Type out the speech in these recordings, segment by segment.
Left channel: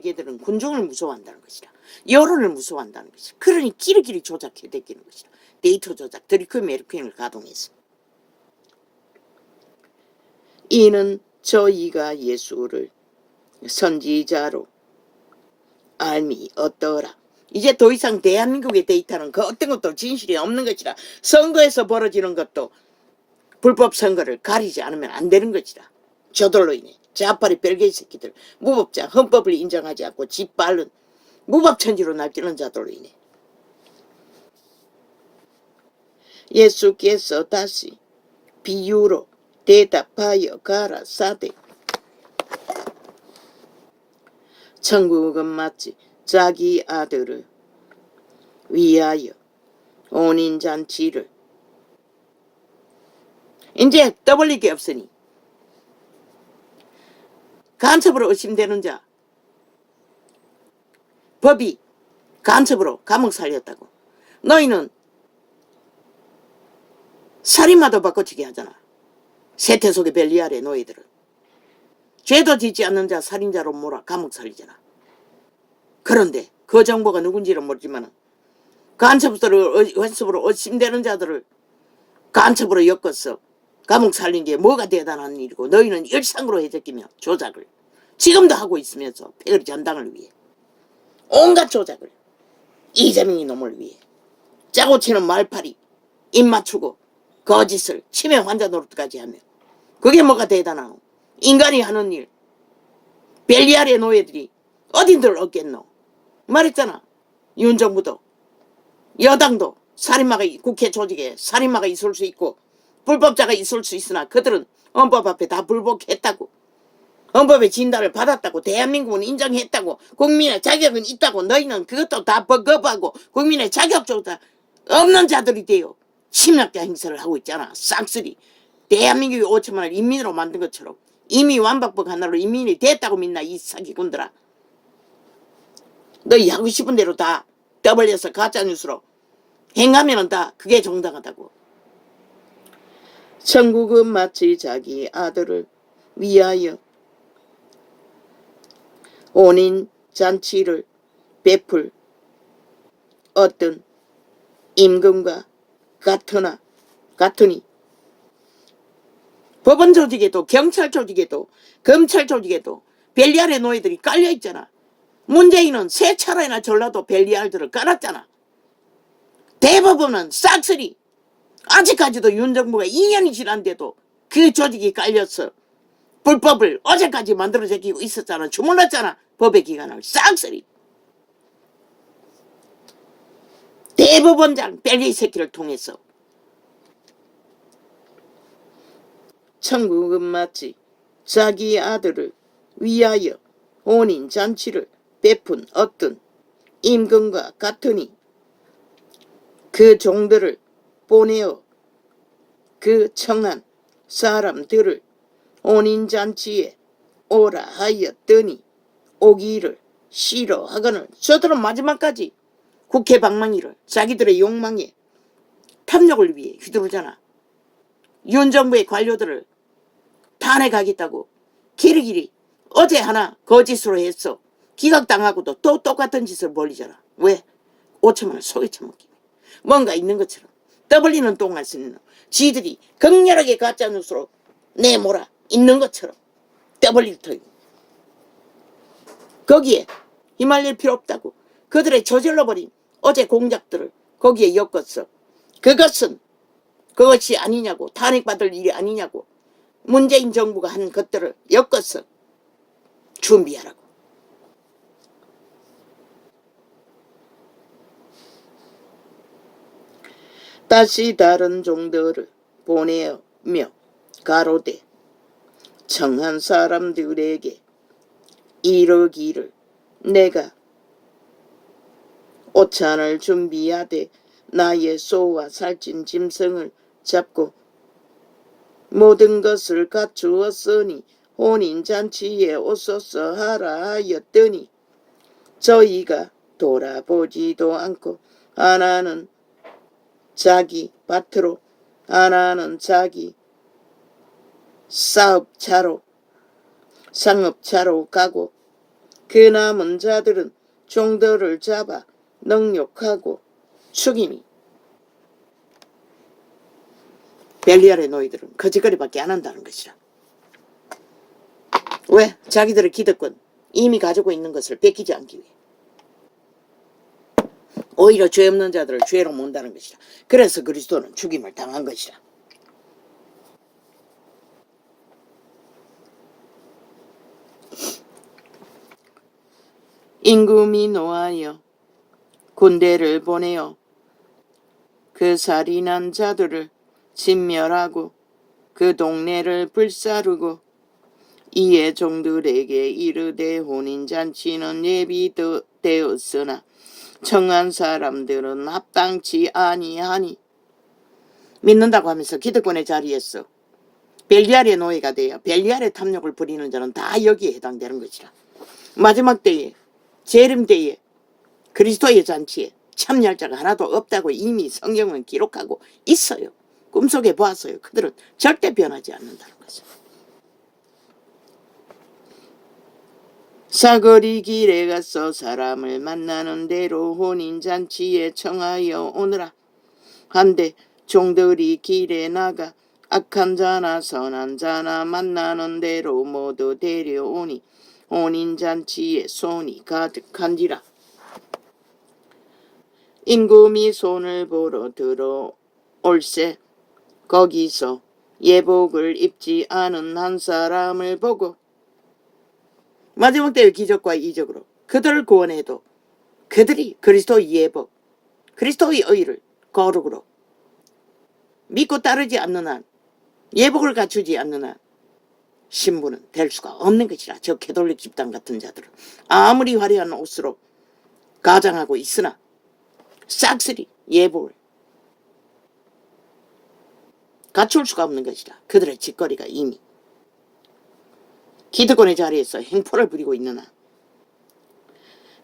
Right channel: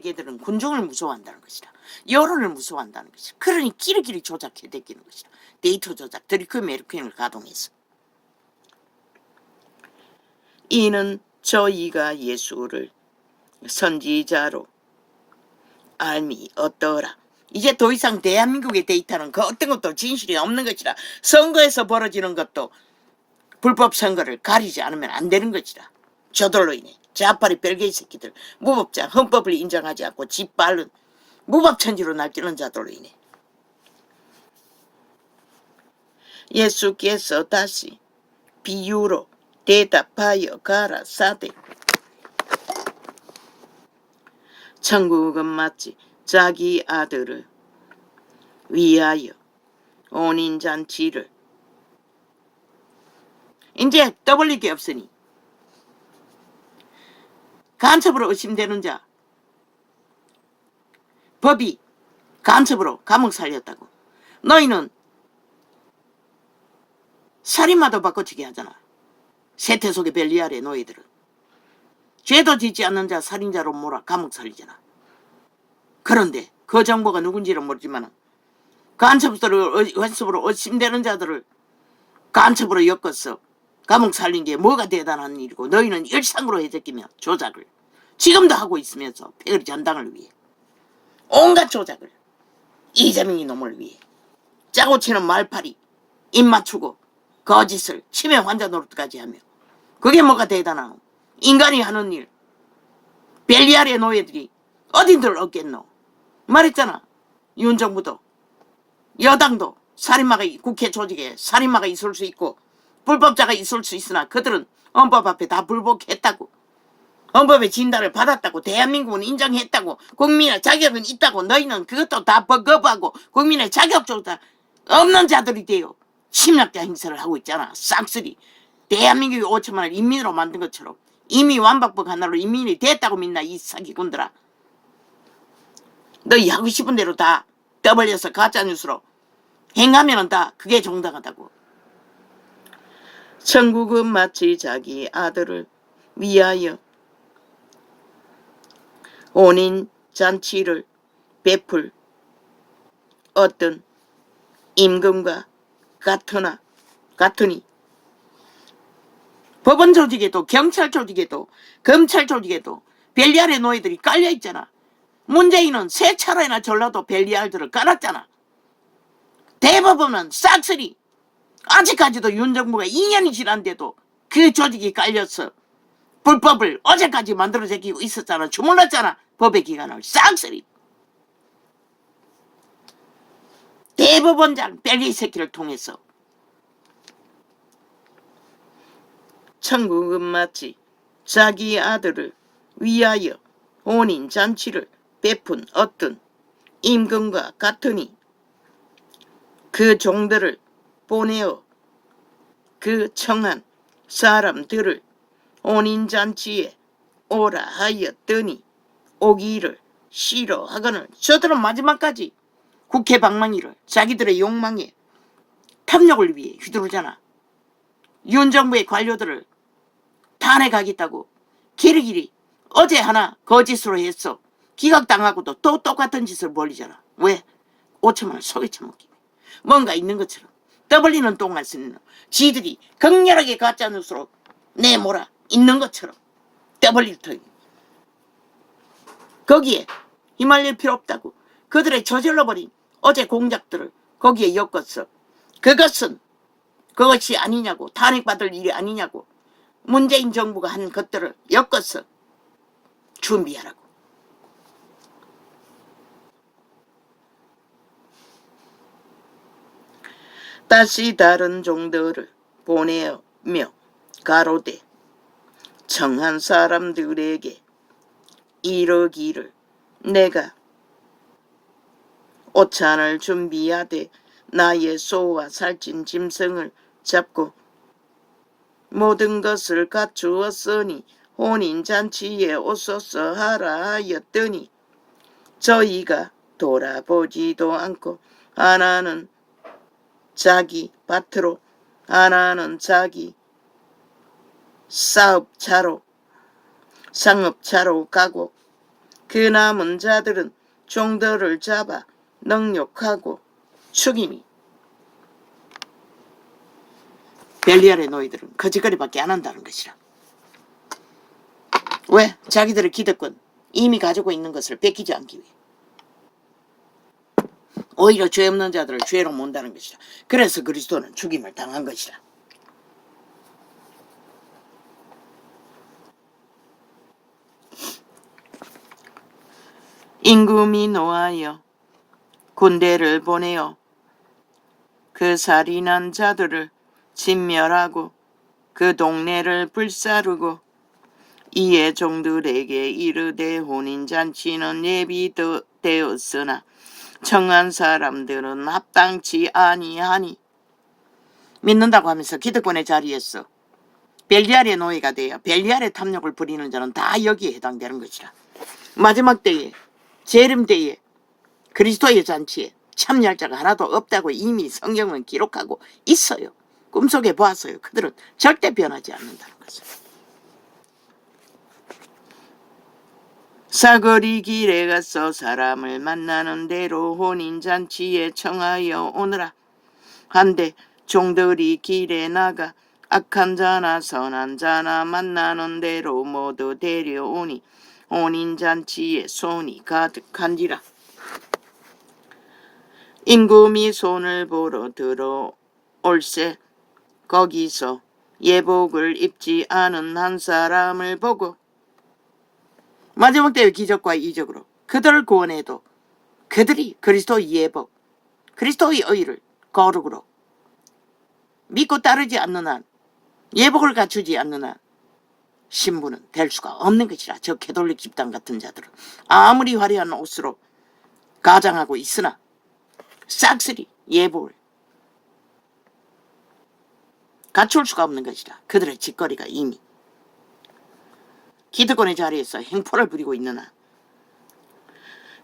걔들은 군중을 무서워한다는 것이다. 여론을 무서워한다는 것이다. 그러니 끼리끼리 조작해대기는 것이다. 데이터 조작, 드리크 메르퀸을 가동해서. 이는 저희가 예수를 선지자로 알미 어떠라. 이제 더 이상 대한민국의 데이터는 그 어떤 것도 진실이 없는 것이라. 선거에서 벌어지는 것도 불법 선거를 가리지 않으면 안 되는 것이다. 저들로 인해 자파리 별개의 새끼들, 무법자, 헌법을 인정하지 않고 짓밟은 무법천지로 날뛰는 자들로 인해 예수께서 다시 비유로 대답하여 가라사대 천국은 마치 자기 아들을 위하여 혼인잔치를 이제 떠벌릴 게 없으니 간첩으로 의심되는 자 법이 간첩으로 감옥 살렸다고. 너희는 살인마도 바꿔치기 하잖아. 세태 속의 벨리알의 너희들은 죄도 짓지 않는 자 살인자로 몰아 감옥 살리잖아. 그런데 그 정보가 누군지는 모르지만 간첩으로 의심되는 자들을 간첩으로 엮어서 감옥 살린 게 뭐가 대단한 일이고 너희는 일상으로 해제끼며 조작을 지금도 하고 있으면서 패거리 전당을 위해 온갖 조작을 이재명이 놈을 위해 짜고 치는 말팔이 입 맞추고 거짓을 치매 환자 노릇까지 하며 그게 뭐가 대단하노. 인간이 하는 일 벨리알의 노예들이 어딘들 얻겠노. 말했잖아. 윤 정부도 여당도 살인마가 국회 조직에 살인마가 있을 수 있고 불법자가 있을 수 있으나 그들은 헌법 앞에 다 불복했다고. 헌법의 진단을 받았다고. 대한민국은 인정했다고. 국민의 자격은 있다고. 너희는 그것도 다 거부하고 국민의 자격조차 없는 자들이 되어 침략자 행세를 하고 있잖아. 싹쓸이. 대한민국이 5천만을 인민으로 만든 것처럼 이미 완박법 하나로 인민이 됐다고 믿나 이 사기꾼들아. 너희 하고 싶은 대로 다 떠벌려서 가짜뉴스로 행하면은 다 그게 정당하다고. 천국은 마치 자기 아들을 위하여 혼인 잔치를 베풀 어떤 임금과 같으니 법원 조직에도 경찰 조직에도 검찰 조직에도 벨리알의 노예들이 깔려있잖아. 문재인은 세 차례나 전라도 벨리알들을 깔았잖아. 대법원은 싹쓸이 아직까지도 윤 정부가 2년이 지난데도 그 조직이 깔려서 불법을 어제까지 만들어 제끼고 있었잖아. 주물렀잖아. 법의 기관을 싹쓸이. 대법원장 벨리 새끼를 통해서. 천국은 마치 자기 아들을 위하여 혼인잔치를 베푼 어떤 임금과 같으니 그 종들을 보내어 그 청한 사람들을 혼인잔치에 오라 하였더니 오기를 싫어하거늘. 저들은 마지막까지 국회 방망이를 자기들의 욕망에 탐욕을 위해 휘두르잖아. 윤 정부의 관료들을 탄핵하겠다고 길이길이 어제 하나 거짓으로 해서 기각당하고도 또 똑같은 짓을 벌리잖아. 왜? 5천만을 속에 처먹기. 뭔가 있는 것처럼 떠벌리는 똥만 쓰는 지들이 격렬하게 가짜뉴스로 내몰아 있는 것처럼 떠벌릴 터이고 거기에 휘말릴 필요 없다고. 그들의 저질러버린 어제 공작들을 거기에 엮었어. 그것이 아니냐고. 탄핵받을 일이 아니냐고. 문재인 정부가 한 것들을 엮어서 준비하라고. 다시 다른 종들을 보내며 가로되 청한 사람들에게 이르기를 내가 오찬을 준비하되 나의 소와 살찐 짐승을 잡고 모든 것을 갖추었으니 혼인잔치에 오소서 하라 하였더니 저희가 돌아보지도 않고 하나는 자기 밭으로 하나는 자기 상업차로 가고 그 남은 자들은 종들을 잡아 능욕하고 죽이니. 벨리알의 노예들은 거짓거리밖에 안 한다는 것이라. 왜? 자기들의 기득권, 이미 가지고 있는 것을 뺏기지 않기 위해. 오히려 죄 없는 자들을 죄로 몬다는 것이라. 그래서 그리스도는 죽임을 당한 것이라. 임금이 노하여 군대를 보내어 그 살인한 자들을 진멸하고 그 동네를 불사르고 이에 종들에게 이르되 혼인잔치는 예비되었으나 청한 사람들은 마땅치 아니하니. 믿는다고 하면서 기득권의 자리에서 벨리알의 노예가 되어 벨리알의 탐욕을 부리는 자는 다 여기에 해당되는 것이라. 마지막 때에, 재림 때에, 그리스도의 잔치에 참여할 자가 하나도 없다고 이미 성경은 기록하고 있어요. 꿈속에 보았어요. 그들은 절대 변하지 않는다는 것을. 사거리 길에 가서 사람을 만나는 대로 혼인잔치에 청하여 오너라. 한데 종들이 길에 나가 악한 자나 선한 자나 만나는 대로 모두 데려오니 혼인잔치에 손이 가득한지라. 임금이 손을 보러 들어올세 거기서 예복을 입지 않은 한 사람을 보고. 마지막 때의 기적과 이적으로 그들을 구원해도 그들이 그리스도의 예복, 그리스도의 의를 거룩으로 믿고 따르지 않는 한, 예복을 갖추지 않는 한 신부는 될 수가 없는 것이라. 저 캐톨릭 집단 같은 자들은 아무리 화려한 옷으로 가장하고 있으나 싹쓸이 예복을 갖출 수가 없는 것이라. 그들의 짓거리가 이미 기득권의 자리에서 행포를 부리고 있느나.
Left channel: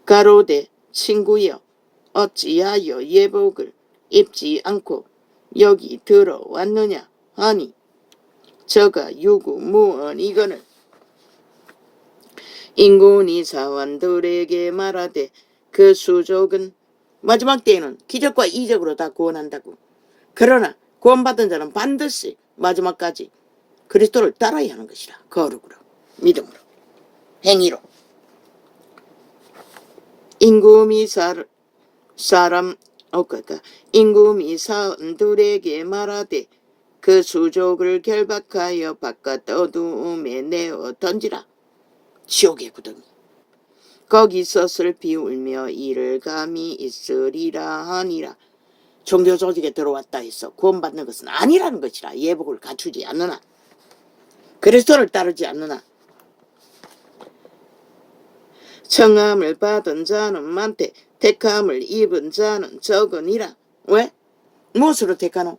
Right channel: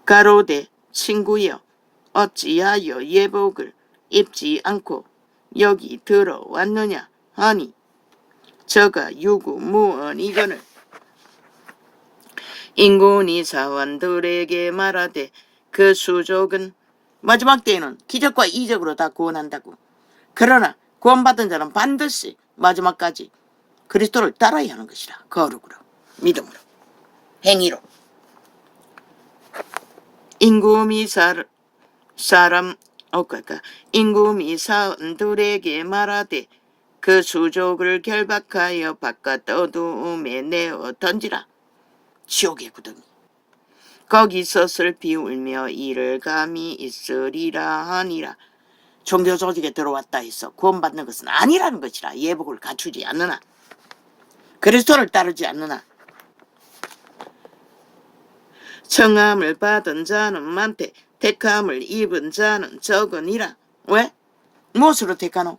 가로되 친구여 어찌하여 예복을 입지 않고 여기 들어왔느냐 하니 저가 유구무언이거늘. 임금이 사환들에게 말하되 그 수족은. 마지막 때에는 기적과 이적으로 다 구원한다고. 그러나 구원받은 자는 반드시 마지막까지 그리스도를 따라야 하는 것이라. 거룩으로, 믿음으로, 행위로. 임금이 임금이 사원들에게 말하되 그 수족을 결박하여 바깥 어두움에 내어 던지라. 지옥의 구덩이. 거기서 슬피 울며 이를 감히 있으리라 하니라. 종교 조직에 들어왔다 해서 구원받는 것은 아니라는 것이라. 예복을 갖추지 않느나, 그리스도를 따르지 않느나. 청함을 받은 자는 많되 택함을 입은 자는 적으니라. 왜? 무엇으로 택하노?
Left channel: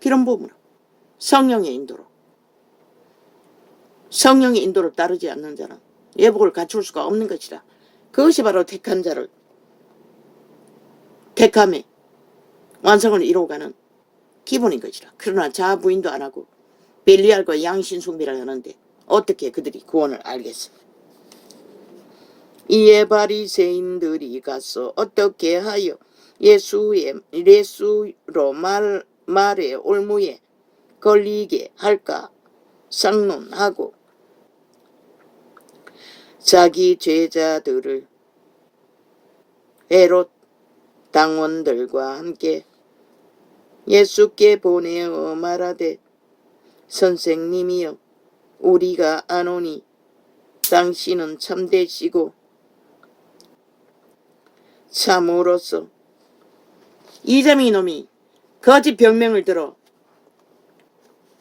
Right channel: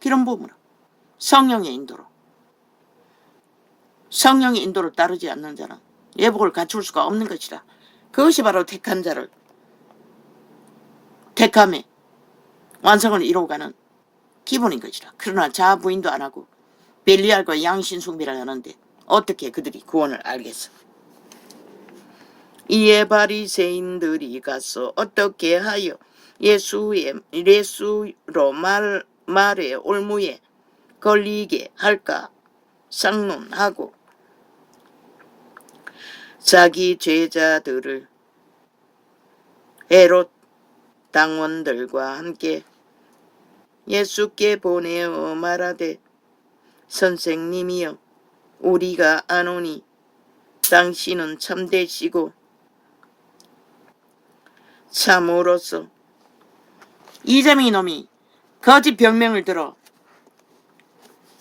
기름 부음으로, 성령의 인도로. 성령의 인도를 따르지 않는 자는 예복을 갖출 수가 없는 것이라. 그것이 바로 택한 자를 택함에 완성을 이루어가는 기본인 것이라. 그러나 자아 부인도 안 하고 벨리알과 양신 숭배를 하는데 어떻게 그들이 구원을 알겠어? 이에 바리새인들이 가서 어떻게 하여 예수로 말의 올무에 걸리게 할까 상론하고 자기 제자들을 헤롯 당원들과 함께 예수께 보내어 말하되 선생님이여 우리가 아노니 당신은 참되시고 참으로서. 이재명 놈이 거짓 병명을 들어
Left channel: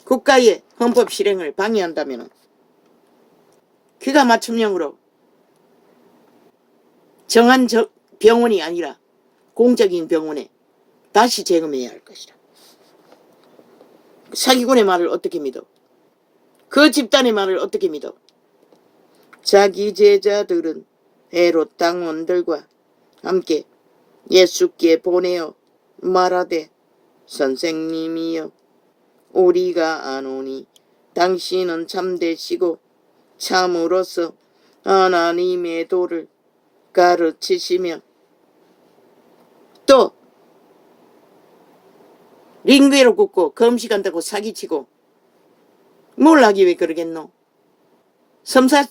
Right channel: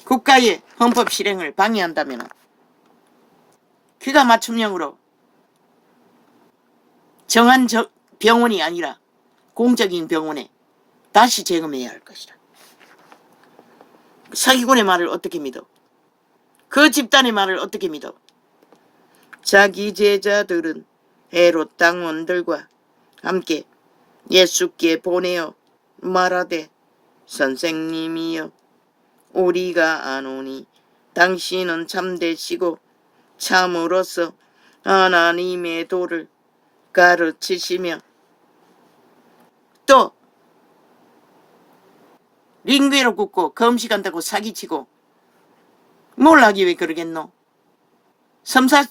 국가의 헌법 실행을 방해한다면 그가 맞춤형으로 정한 병원이 아니라 공적인 병원에 다시 재검해야 할 것이다. 사기꾼의 말을 어떻게 믿어? 그 집단의 말을 어떻게 믿어? 자기 제자들은 헤롯 당원들과 함께 예수께 보내어 말하되 선생님이여 우리가 아노니 당신은 참되시고 참으로서 하나님의 도를 가르치시며 또 링귀로 굽고 금식한다고 사기치고 뭘 하기 위해 그러겠노? 섬사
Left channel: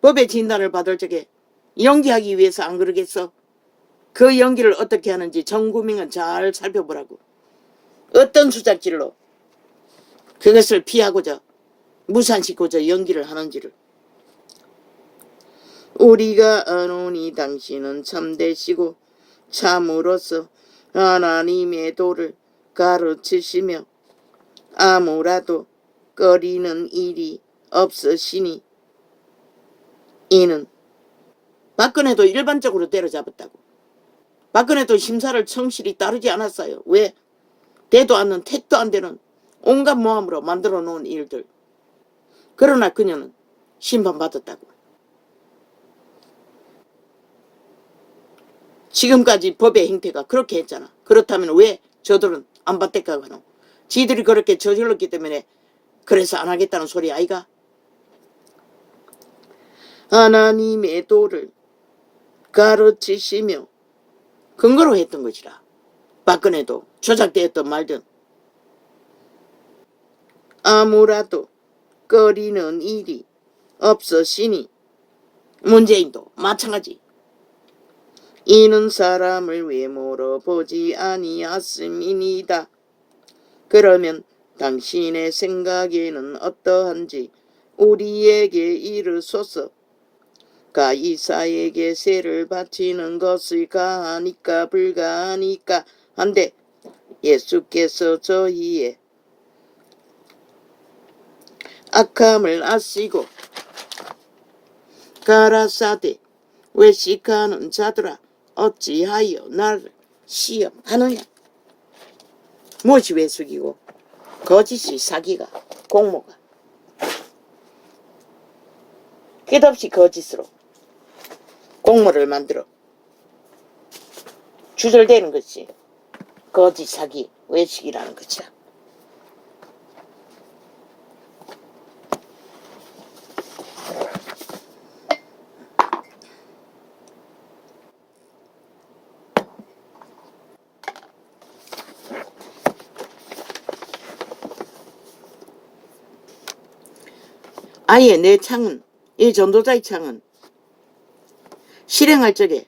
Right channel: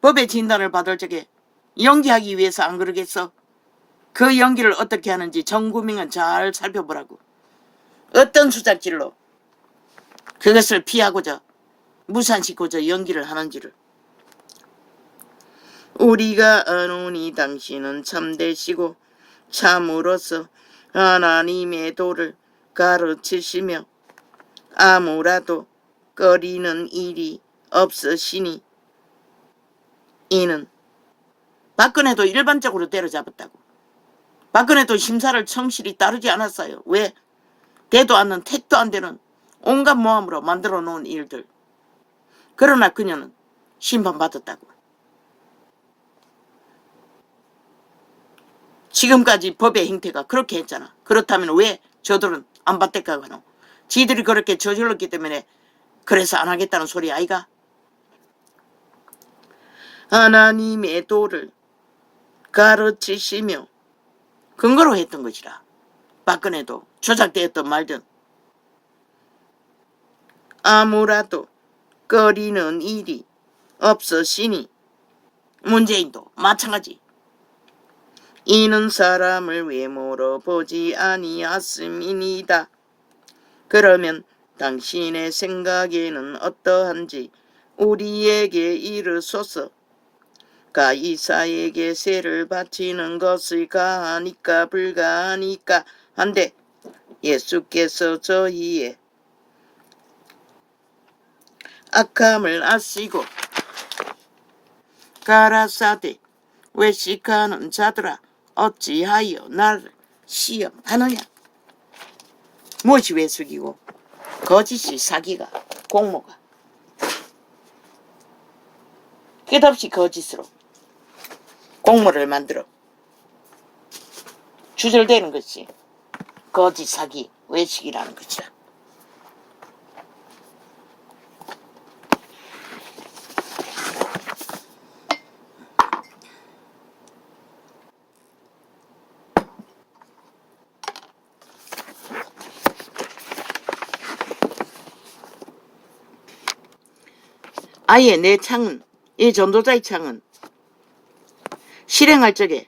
법의 진단을 받을 적에 연기하기 위해서 안 그러겠어? 그 연기를 어떻게 하는지 전 국민은 잘 살펴보라고. 어떤 수작질로 그것을 피하고자 무산시키고자 연기를 하는지를. 우리가 아노니 당신은 참되시고 참으로서 하나님의 도를 가르치시며 아무라도 꺼리는 일이 없으시니 이는 박근혜도 일반적으로 때려잡았다고. 박근혜도 심사를 성실히 따르지 않았어요. 왜? 되도 않는 택도 안 되는 온갖 모함으로 만들어 놓은 일들. 그러나 그녀는 심판받았다고. 지금까지 법의 행태가 그렇게 했잖아. 그렇다면 왜 저들은 안 받댔까 하노? 지들이 그렇게 저질렀기 때문에 그래서 안 하겠다는 소리 아이가? 하나님의 도를 가르치시며 근거로 했던 것이라. 박근혜도 조작되었던 말든 아무라도 꺼리는 일이 없으시니 문재인도 마찬가지. 이는 사람을 외모로 보지 아니하심이니이다. 그러면 당신의 생각에는 어떠한지 우리에게 이르소서. 가이사에게 세를 바치는 것을 가하니까 불가하니까 한데 예수께서 저희의 악함을 아시고 가라사대 외식하는 자들아 어찌하여 나를 시험하느냐. 무엇이 외숙이고 거짓이 사기가 공모가 끝없이 거짓으로 공모를 만들어 주절되는 것이 거짓 사기 외식이라는 것이다. 아예 내 창은, 이 전도자의 창은 실행할 적에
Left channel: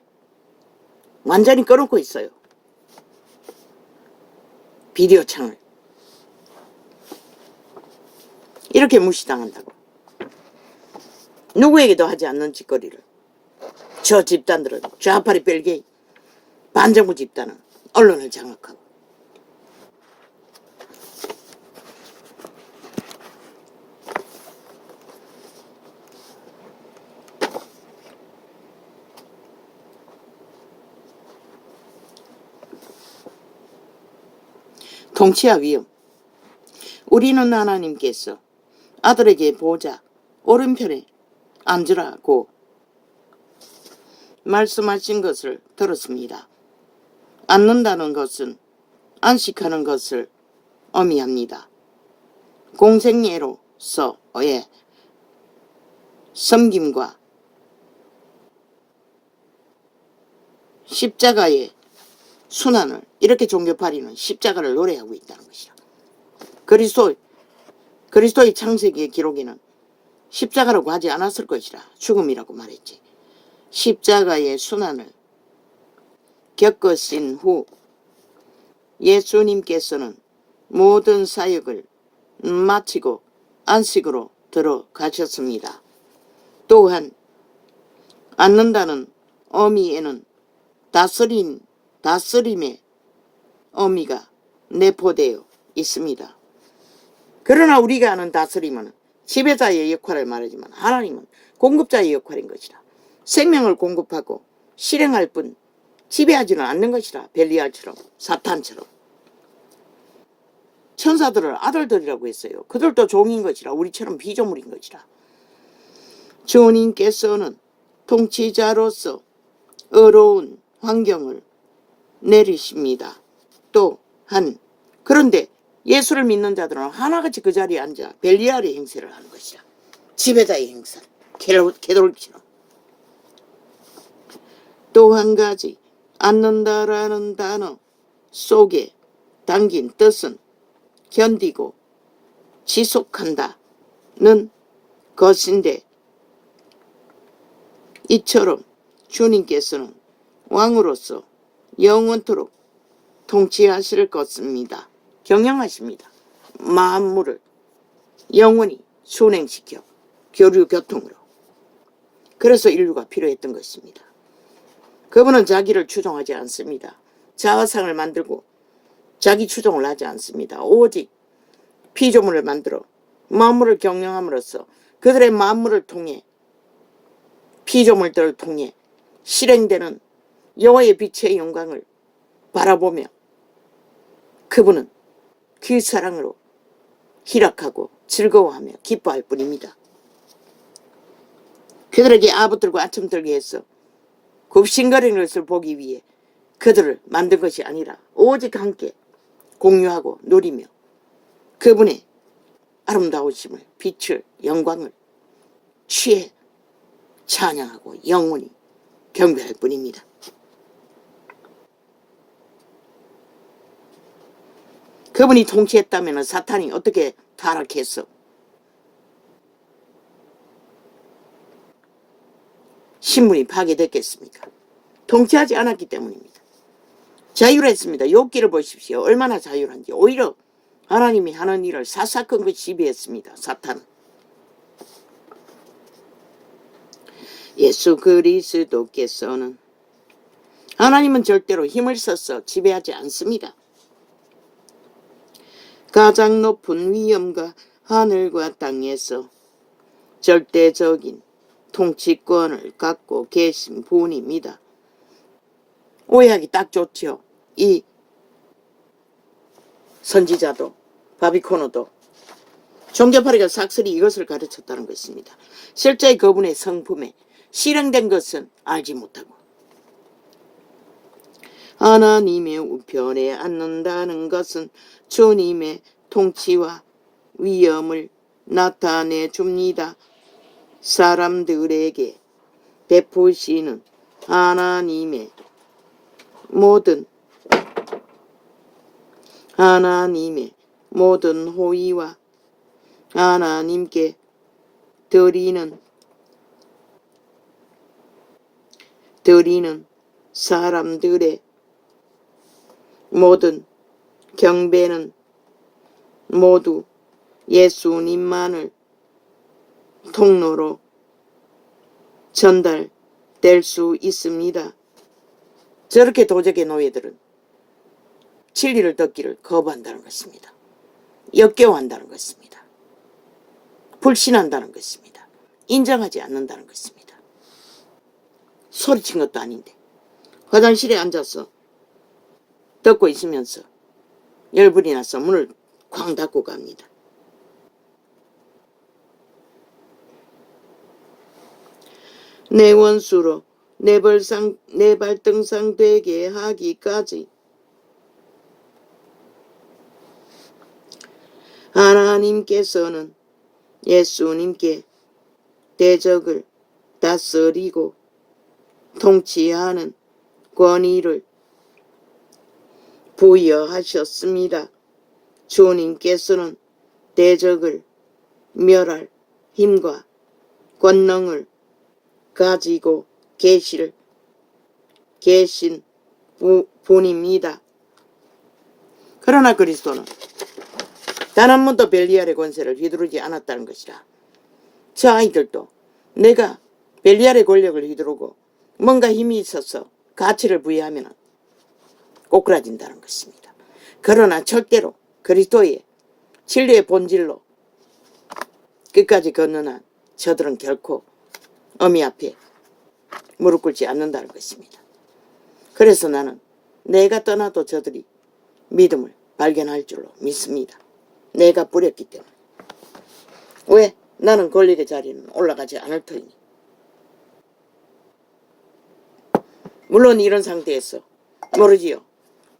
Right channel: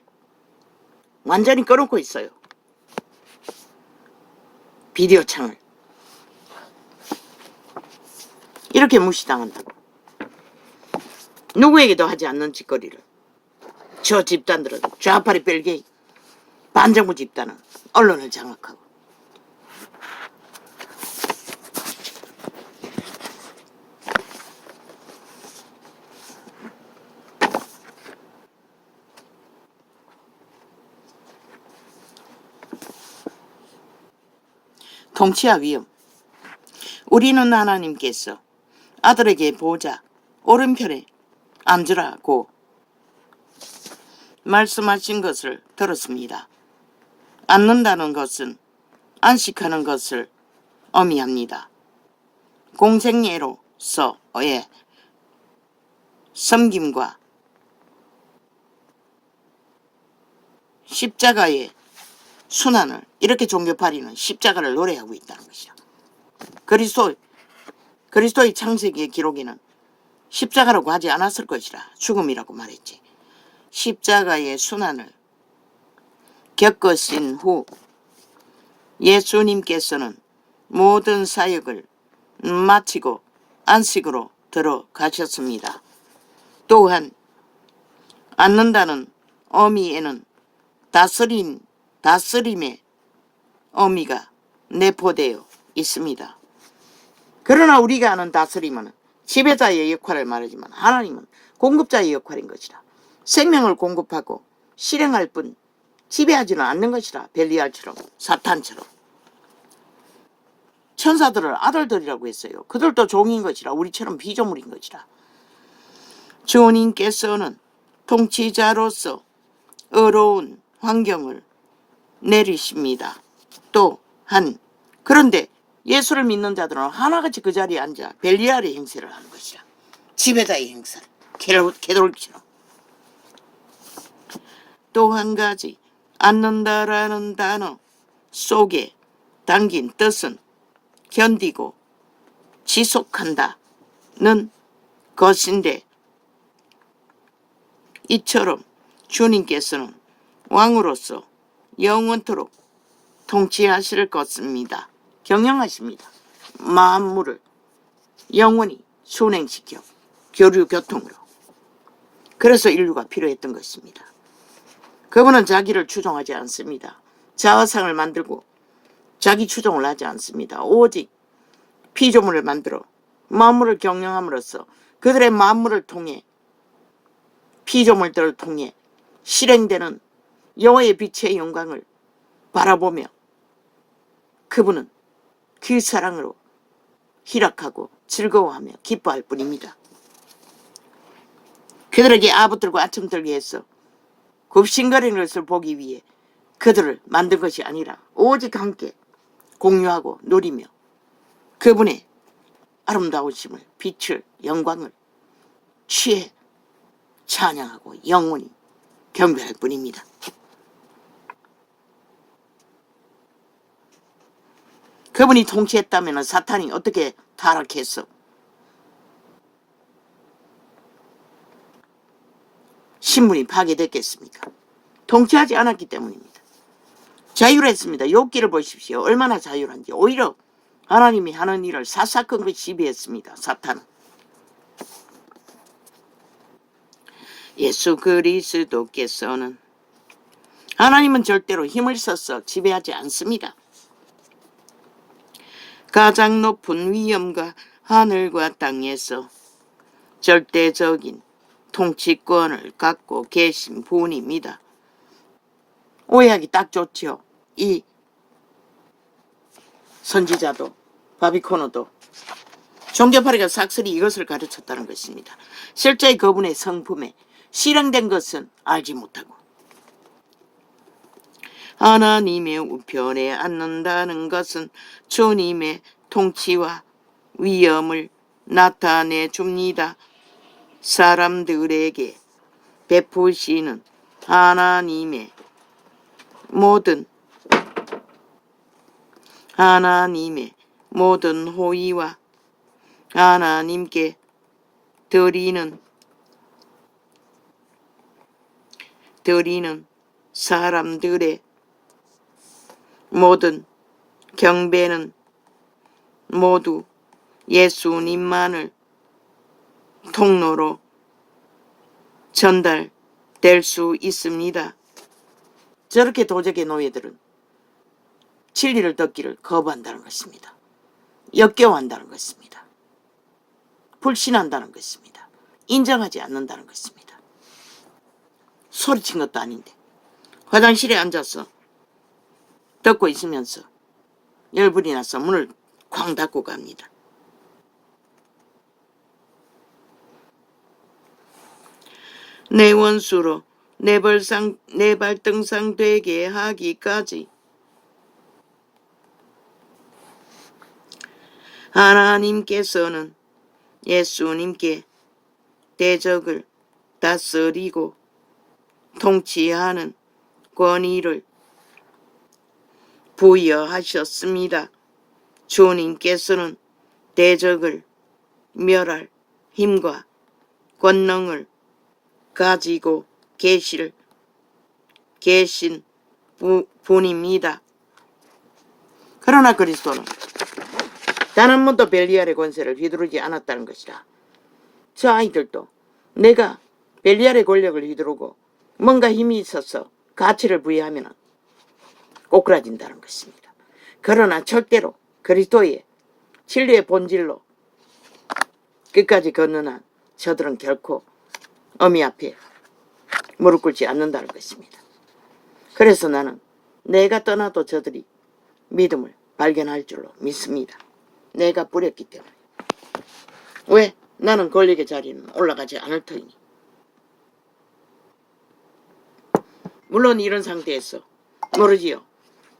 완전히 꺼놓고 있어요. 비디오 창을. 이렇게 무시당한다고. 누구에게도 하지 않는 짓거리를. 저 집단들은 좌파리 벨게이 반정부 집단은 언론을 장악하고 통치와 위험. 우리는 하나님께서 아들에게 보좌 오른편에 앉으라고 말씀하신 것을 들었습니다. 앉는다는 것은 안식하는 것을 의미합니다. 공생애로서의 섬김과 십자가의 순환을 이렇게 종교파리는 십자가를 노래하고 있다는 것이죠. 그리스도의 창세기의 기록에는 십자가라고 하지 않았을 것이라 죽음이라고 말했지. 십자가의 순환을 겪으신 후 예수님께서는 모든 사역을 마치고 안식으로 들어가셨습니다. 또한 앉는다는 의미에는 다스림의 의미가 내포되어 있습니다. 그러나 우리가 아는 다스림은 지배자의 역할을 말하지만 하나님은 공급자의 역할인 것이라. 생명을 공급하고 실행할 뿐 지배하지는 않는 것이라. 벨리알처럼 사탄처럼. 천사들을 아들들이라고 했어요. 그들도 종인 것이라. 우리처럼 피조물인 것이라. 주님께서는 통치자로서 어려운 환경을 내리십니다. 또한 그런데 예수를 믿는 자들은 하나같이 그 자리에 앉아 벨리알의 행세를 하는 것이라. 지배자의 행세. 캐돌처럼. 또 한 가지 앉는다라는 단어 속에 담긴 뜻은 견디고 지속한다는 것인데 이처럼 주님께서는 왕으로서 영원토록 통치하실 것입니다. 경영하십니다. 만물을 영원히 순행시켜 교류교통으로. 그래서 인류가 필요했던 것입니다. 그분은 자기를 추종하지 않습니다. 자화상을 만들고 자기 추종을 하지 않습니다. 오직 피조물을 만들어 만물을 경영함으로써 그들의 만물을 통해 피조물들을 통해 실행되는 여호와의 빛의 영광을 바라보며 그분은 그 사랑으로 희락하고 즐거워하며 기뻐할 뿐입니다. 그들에게 아부들고 아첨들게 해서 굽신거리는 것을 보기 위해 그들을 만든 것이 아니라 오직 함께 공유하고 누리며 그분의 아름다우심을, 빛을, 영광을 취해 찬양하고 영원히 경배할 뿐입니다. 그분이 통치했다면 사탄이 어떻게 타락했어? 신분이 파괴됐겠습니까? 통치하지 않았기 때문입니다. 자율했습니다. 욥기를 보십시오. 얼마나 자율한지. 오히려 하나님이 하는 일을 사사건건 시비했습니다. 사탄은. 예수 그리스도께서는 하나님은 절대로 힘을 써서 지배하지 않습니다. 가장 높은 위엄과 하늘과 땅에서 절대적인 통치권을 갖고 계신 분입니다. 오해하기 딱 좋죠. 이 선지자도 바비코노도 종교파리가 삭슬이 이것을 가르쳤다는 것입니다. 실제 그분의 성품에 실행된 것은 알지 못하고 하나님의 우편에 앉는다는 것은 주님의 통치와 위엄을 나타내 줍니다. 사람들에게 베푸시는 하나님의 모든 호의와 하나님께 드리는 사람들의 모든 경배는 모두 예수님만을 통로로 전달될 수 있습니다. 저렇게 도적의 노예들은 진리를 듣기를 거부한다는 것입니다. 역겨워한다는 것입니다. 불신한다는 것입니다. 인정하지 않는다는 것입니다. 소리친 것도 아닌데 화장실에 앉아서 듣고 있으면서 열불이 나서 문을 쾅 닫고 갑니다. 내 원수로 내 발등상 되게 하기까지 하나님께서는 예수님께 대적을 다스리고 통치하는 권위를 부여하셨습니다. 주님께서는 대적을 멸할 힘과 권능을 가지고 계신 분입니다. 그러나 그리스도는 단 한 번도 벨리알의 권세를 휘두르지 않았다는 것이라. 저 아이들도 내가 벨리알의 권력을 휘두르고 뭔가 힘이 있어서 가치를 부여하면 꼬꾸라진다는 것입니다. 그러나 절대로 그리스도의 진리의 본질로 끝까지 걷는 저들은 결코 어미 앞에 무릎 꿇지 않는다는 것입니다. 그래서 나는 내가 떠나도 저들이 믿음을 발견할 줄로 믿습니다. 내가 뿌렸기 때문에. 왜? 나는 권력의 자리는 올라가지 않을 터이니. 물론 이런 상태에서 모르지요.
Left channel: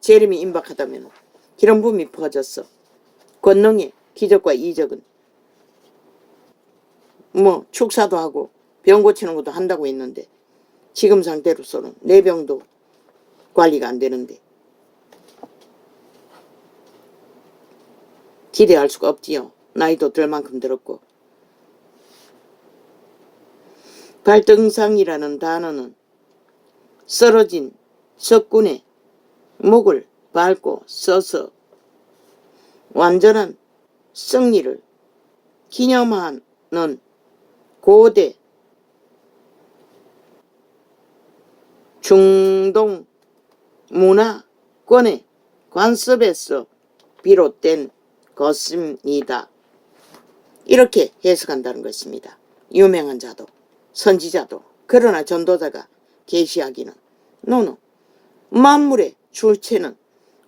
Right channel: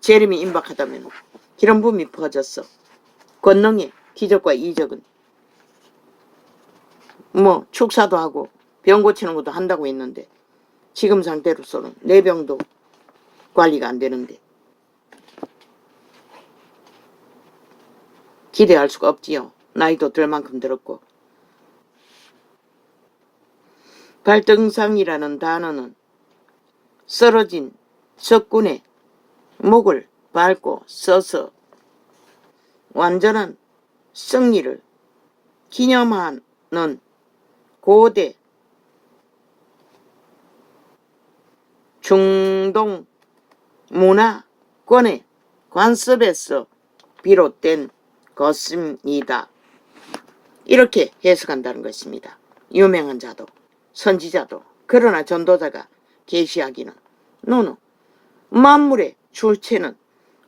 재림이 임박하다면 기름 부음이 퍼졌어. 권능의 기적과 이적은 축사도 하고 병 고치는 것도 한다고 했는데 지금 상태로서는 내 병도 관리가 안 되는데 기대할 수가 없지요. 나이도 들 만큼 들었고. 발등상이라는 단어는 쓰러진 석군의 목을 밟고 서서 완전한 승리를 기념하는 고대 중동 문화권의 관습에서 비롯된 것입니다. 이렇게 해석한다는 것입니다. 유명한 자도 선지자도 그러나 전도자가 계시하기는 너는 만물의 출체는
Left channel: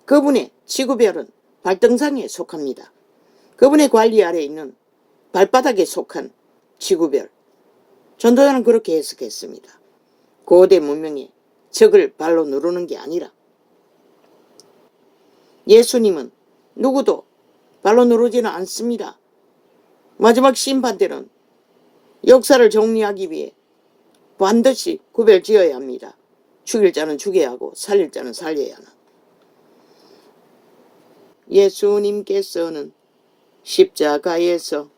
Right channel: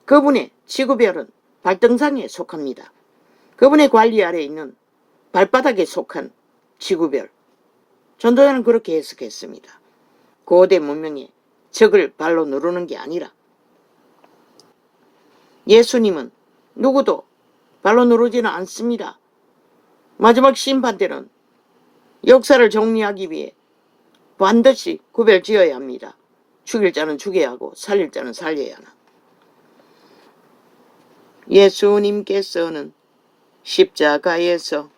그분의 지구별은 발등상에 속합니다. 그분의 관리 아래에 있는 발바닥에 속한 지구별. 전도자는 그렇게 해석했습니다. 고대 문명의 적을 발로 누르는 게 아니라 예수님은 누구도 발로 누르지는 않습니다. 마지막 심판 때는 역사를 정리하기 위해 반드시 구별지어야 합니다. 죽일 자는 죽여야 하고 살릴 자는 살려야 하나. 예수님께서는 십자가에서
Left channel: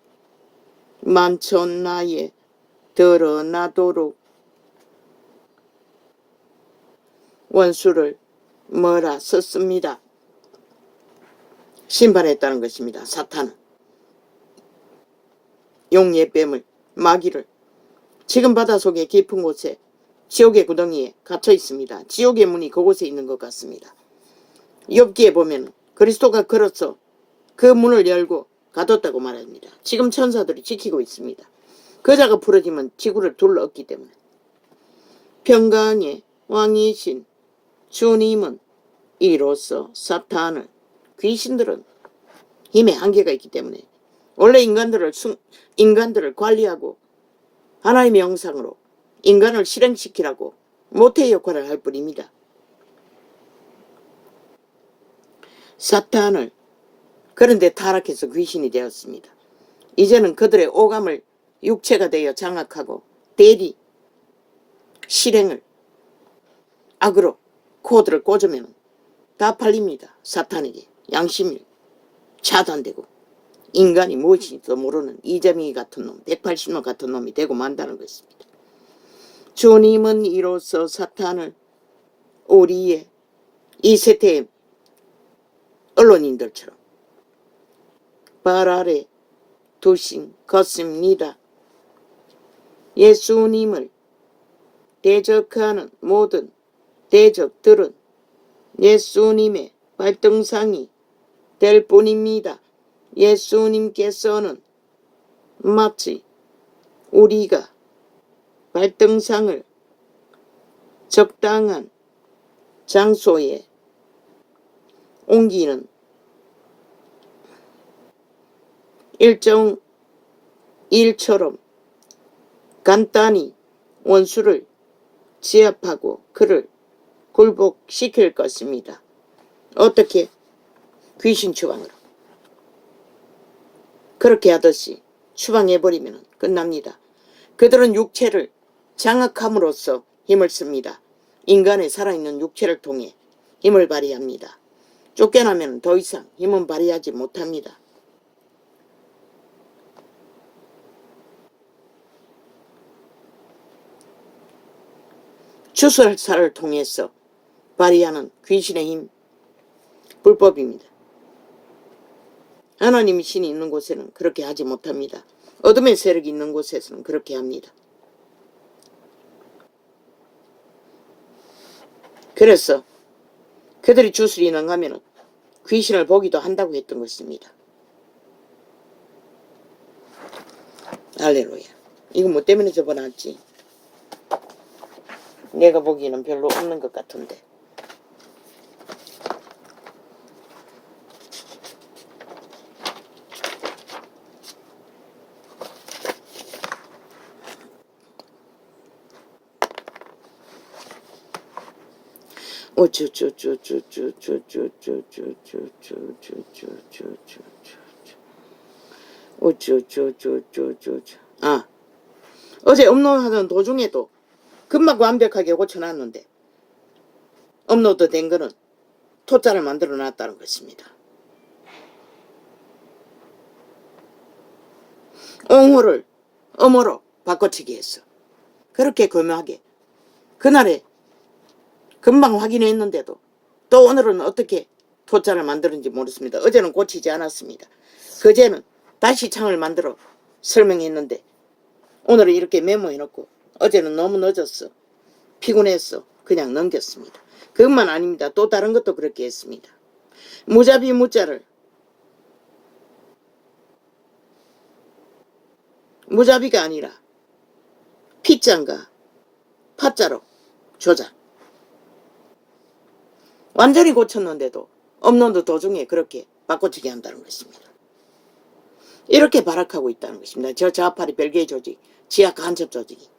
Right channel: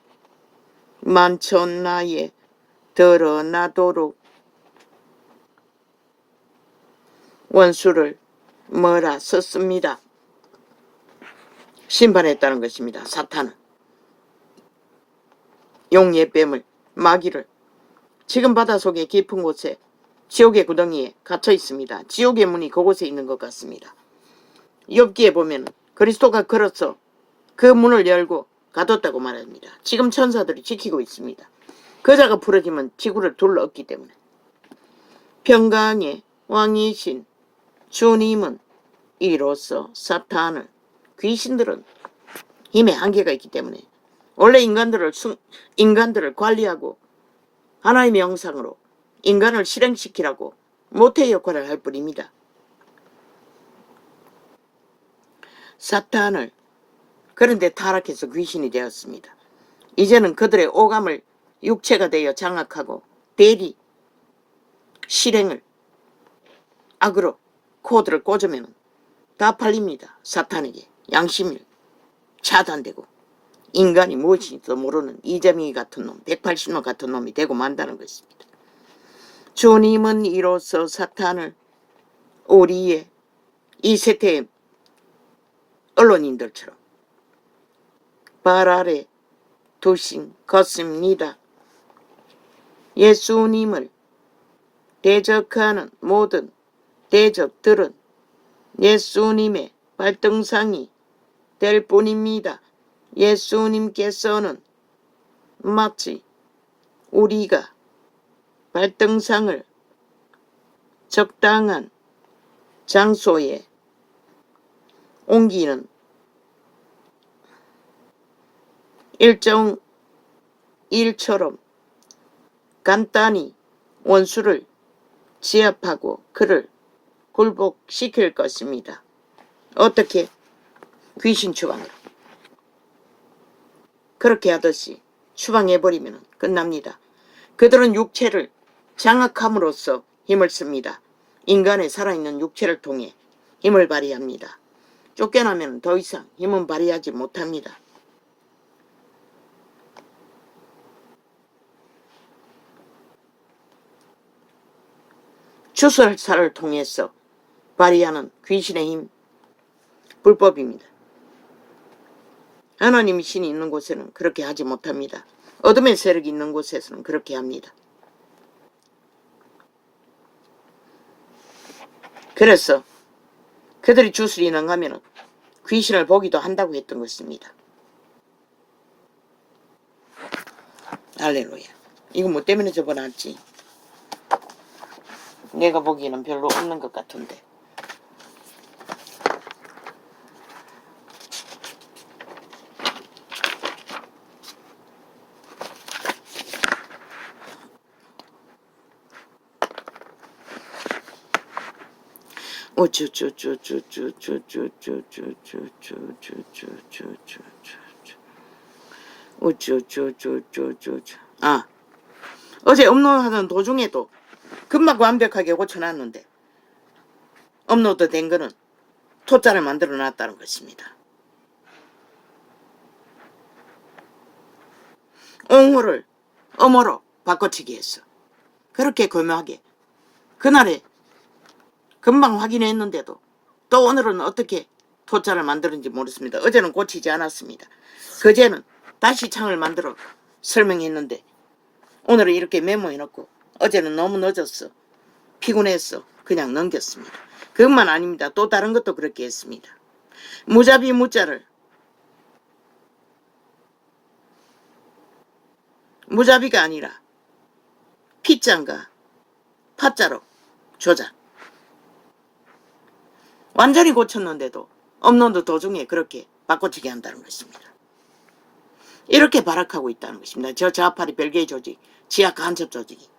만천하에 드러나도록 원수를 몰아섰습니다. 심판했다는 것입니다. 사탄은 용예뱀을 마귀를 지금 바닷속의 깊은 곳에 지옥의 구덩이에 갇혀 있습니다. 지옥의 문이 그곳에 있는 것 같습니다. 욥기에 보면 그리스도가 걸어서 그 문을 열고 가뒀다고 말합니다. 지금 천사들이 지키고 있습니다. 그자가 부러지면 지구를 둘러엎기 때문에. 평강의 왕이신 주님은 이로써 사탄을 귀신들은 힘의 한계가 있기 때문에 원래 인간들을 관리하고 하나님의 형상으로 인간을 실행시키라고 모태의 역할을 할 뿐입니다. 사탄을 그런데 타락해서 귀신이 되었습니다. 이제는 그들의 오감을 육체가 되어 장악하고 대리 실행을 악으로 코드를 꽂으면 다 팔립니다. 사탄에게 양심이 차단되고 인간이 무엇인지도 모르는 이재명이 같은 놈, 180놈 같은 놈이 되고 만다는 것입니다. 주님은 이로써 사탄을 우리의 이 세대의 언론인들처럼 발 아래 두신 것입니다. 예수님을 대적하는 모든 대적들은 예수님의 발등상이 될 뿐입니다. 예수님께서는 마치 우리가 발등상을 적당한 장소에 옮기는 일정 일처럼 간단히 원수를 제압하고 그를 굴복시킬 것입니다. 어떻게? 귀신 추방으로. 그렇게 하듯이 추방해버리면 끝납니다. 그들은 육체를 장악함으로써 힘을 씁니다. 인간의 살아있는 육체를 통해 힘을 발휘합니다. 쫓겨나면 더 이상 힘은 발휘하지 못합니다. 주술사를 통해서 발휘하는 귀신의 힘, 불법입니다. 하나님의 신이 있는 곳에는 그렇게 하지 못합니다. 어둠의 세력이 있는 곳에서는 그렇게 합니다. 그래서 그들이 주술이 능하면 귀신을 보기도 한다고 했던 것입니다. 할렐루야. 이거 뭐 때문에 접어놨지? 내가 보기에는 별로 없는 것 같은데. 어제 업로드하던 도중에도 금방 완벽하게 고쳐놨는데 업로드 된 거는 토자를 만들어 놨다는 것입니다. 옹호를 엄호로 바꿔치기 했어. 그렇게 교묘하게 그날에 금방 확인했는데도 또 오늘은 어떻게 토자를 만드는지 모르겠습니다. 어제는 고치지 않았습니다. 그제는 다시 창을 만들어 설명했는데 오늘은 이렇게 메모해놓고 어제는 너무 늦었어. 피곤했어. 그냥 넘겼습니다. 그것만 아닙니다. 또 다른 것도 그렇게 했습니다. 무자비 무자를 무자비가 아니라 피자인가 파자로 조작. 완전히 고쳤는데도 업로드 도중에 그렇게 바꿔치기 한다는 것입니다. 이렇게 발악하고 있다는 것입니다. 저 좌파리 별개의 조직, 지하 간첩 조직이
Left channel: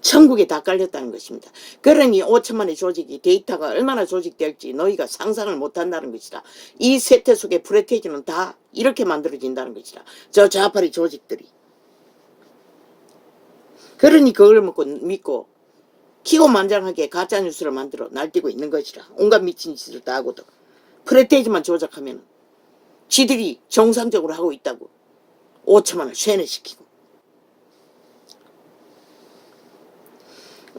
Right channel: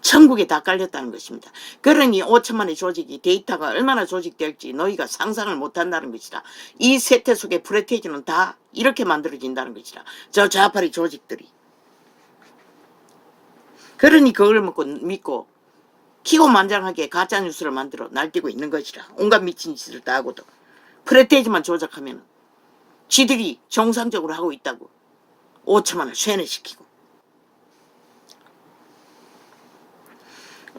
천국에 다 깔렸다는 것입니다. 그러니 5천만의 조직이 데이터가 얼마나 조직될지 너희가 상상을 못한다는 것이다. 이 세태 속의 프레테이지는 다 이렇게 만들어진다는 것이다. 저 좌파리 조직들이. 그러니 그걸 믿고 기고만장하게 가짜뉴스를 만들어 날뛰고 있는 것이라. 온갖 미친 짓을 다 하고도 프레테이지만 조작하면 지들이 정상적으로 하고 있다고 5천만을 쇠뇌시키고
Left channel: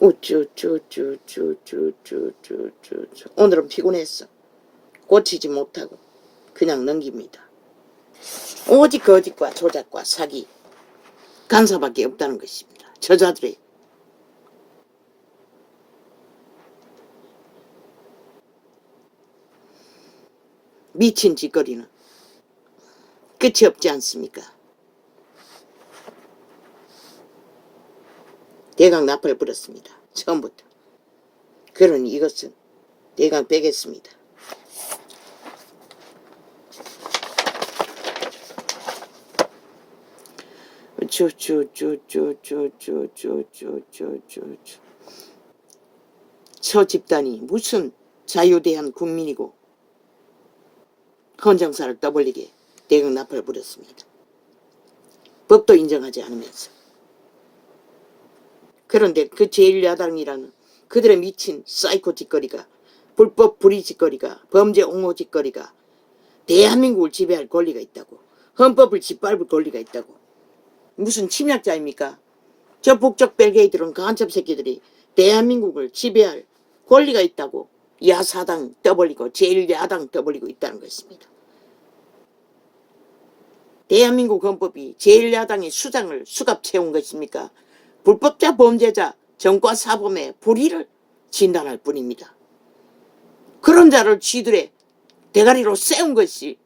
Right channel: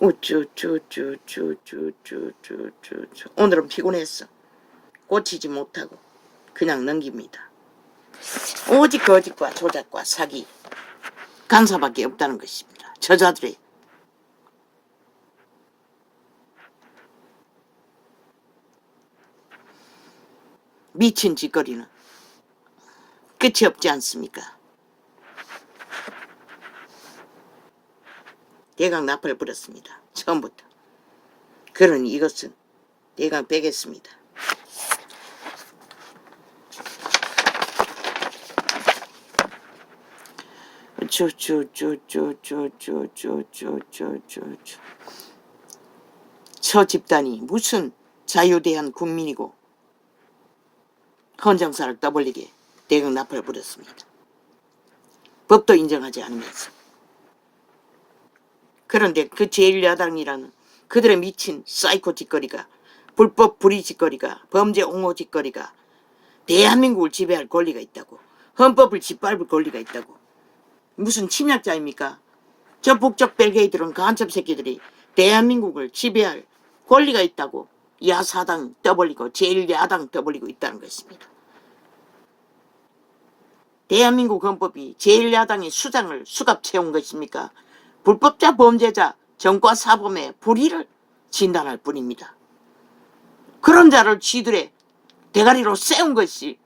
우쭈쭈쭈쭈쭈쭈쭈쭈. 오늘은 피곤했어. 고치지 못하고 그냥 넘깁니다. 오직 거짓과 조작과 사기 간사밖에 없다는 것입니다. 저자들의 미친 짓거리는 끝이 없지 않습니까? 대강 나팔을 불었습니다. 처음부터. 그러니 이것은 대강 빼겠습니다. 저 집단이 무슨 자유대한 국민이고 헌정사를 떠벌리게 대강 나팔을 불었습니다. 법도 인정하지 않으면서. 그런데 그 제1야당이라는 그들의 미친 사이코 짓거리가 불법 불의 짓거리가 범죄 옹호 짓거리가 대한민국을 지배할 권리가 있다고 헌법을 짓밟을 권리가 있다고 무슨 침략자입니까? 저 북쪽 벨게이들은 간첩 새끼들이 대한민국을 지배할 권리가 있다고 야사당 떠벌리고 제1야당 떠벌리고 있다는 것입니다. 대한민국 헌법이 제1야당의 수장을 수갑 채운 것입니까? 불법자 범죄자 정과 사범의 불의를 진단할 뿐입니다. 그런 자를 쥐들의 대가리로 세운 것이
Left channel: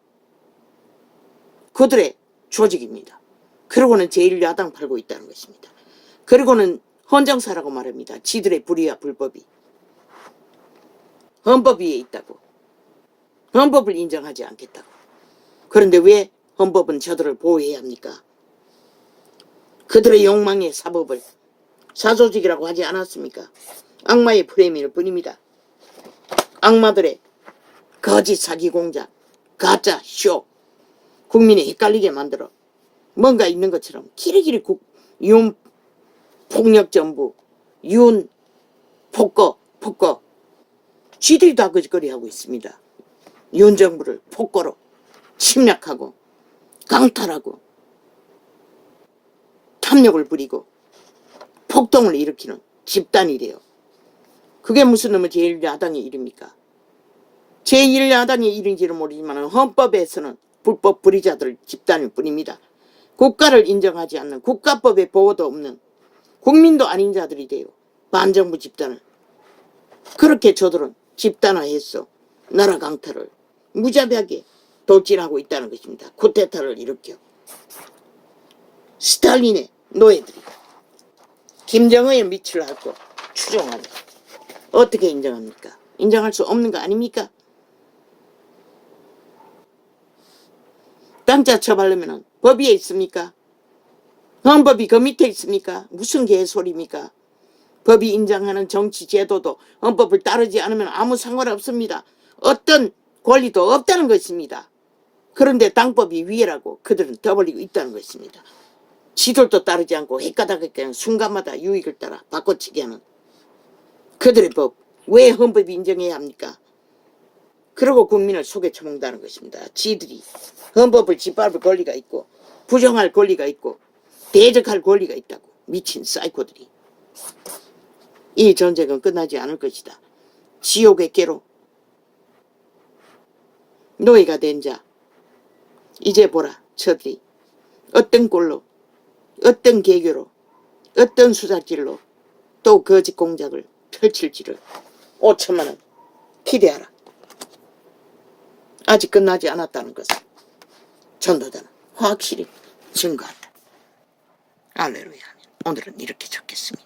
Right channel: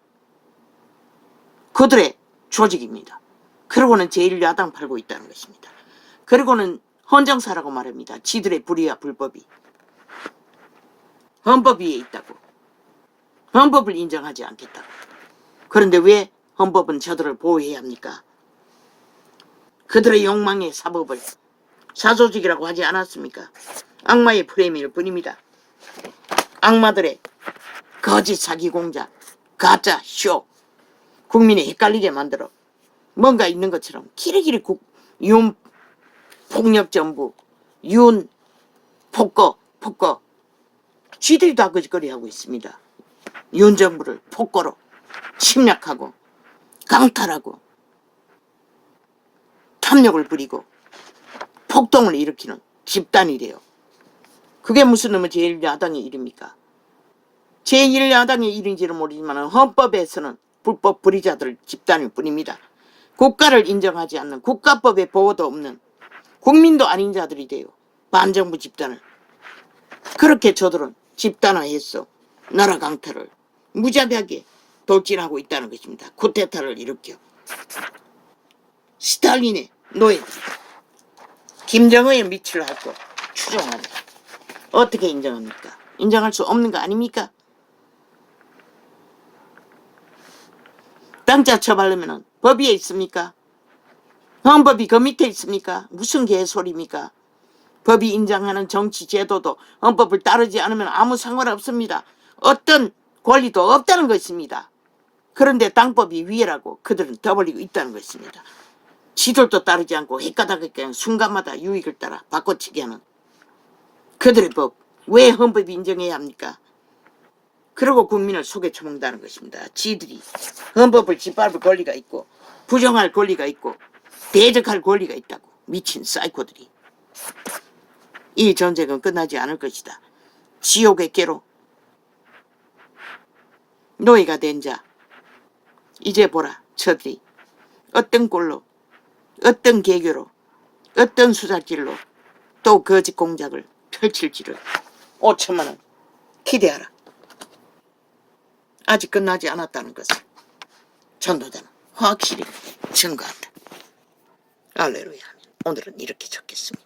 그들의 조직입니다. 그리고는 제1야당 팔고 있다는 것입니다. 그리고는 헌정사라고 말합니다. 쥐들의 불의와 불법이 헌법 위에 있다고. 헌법을 인정하지 않겠다고. 그런데 왜 헌법은 저들을 보호해야 합니까? 그들의 욕망의 사법을 사조직이라고 하지 않았습니까? 악마의 프레임일 뿐입니다. 악마들의 거짓 사기 공작, 가짜 쇼, 국민이 헷갈리게 만들어 뭔가 있는 것처럼 키리키리 윤 폭력정부, 윤 폭거 쥐들이 다 거짓거리 하고 있습니다. 윤 정부를 폭거로 침략하고 강탈하고 탐욕을 부리고 폭동을 일으키는 집단이래요. 그게 무슨 놈의 제1야당의 일입니까? 제1야당의 일인지는 모르지만 헌법에서는 불법 불의자들 집단일 뿐입니다. 국가를 인정하지 않는 국가법의 보호도 없는 국민도 아닌 자들이 돼요. 반정부 집단을. 그렇게 저들은 집단화해서 나라 강탈을 무자비하게 돌진하고 있다는 것입니다. 쿠데타를 일으켜. 스탈린의 노예들이 김정은의 미치를 하고 추종합니다. 어떻게 인정합니까? 인정할 수 없는 거 아닙니까? 땅자 처벌하면 법위에 있습니까? 헌법이 그 밑에 있습니까? 무슨 개소리입니까? 법이 인정하는 정치 제도도 헌법을 따르지 않으면 아무 상관없습니다. 어떤 권리도 없다는 것입니다. 그런데 당법이 위에라고 그들은 떠벌리고 있다는 것입니다. 지들도 따르지 않고 헷가닥하게 순간마다 유익을 따라 바꿔치기 하는 그들의 법. 왜 헌법이 인정해야 합니까? 그리고 국민을 속에 처먹는다는 것입니다. 지들이 헌법을 짓밟을 권리가 있고 부정할 권리가 있고 대적할 권리가 있다고. 미친 사이코들이. 이 전쟁은 끝나지 않을 것이다. 지옥의 개로 노예가 된 자 이제 보라. 저들이 어떤 꼴로 어떤 계교로 어떤 수작질로 또 거짓 공작을 펼칠지를 5천만 원 기대하라. 아직 끝나지 않았다는 것을 전도자는 확실히 증거한다. 할렐루야. 오늘은 이렇게 적겠습니다.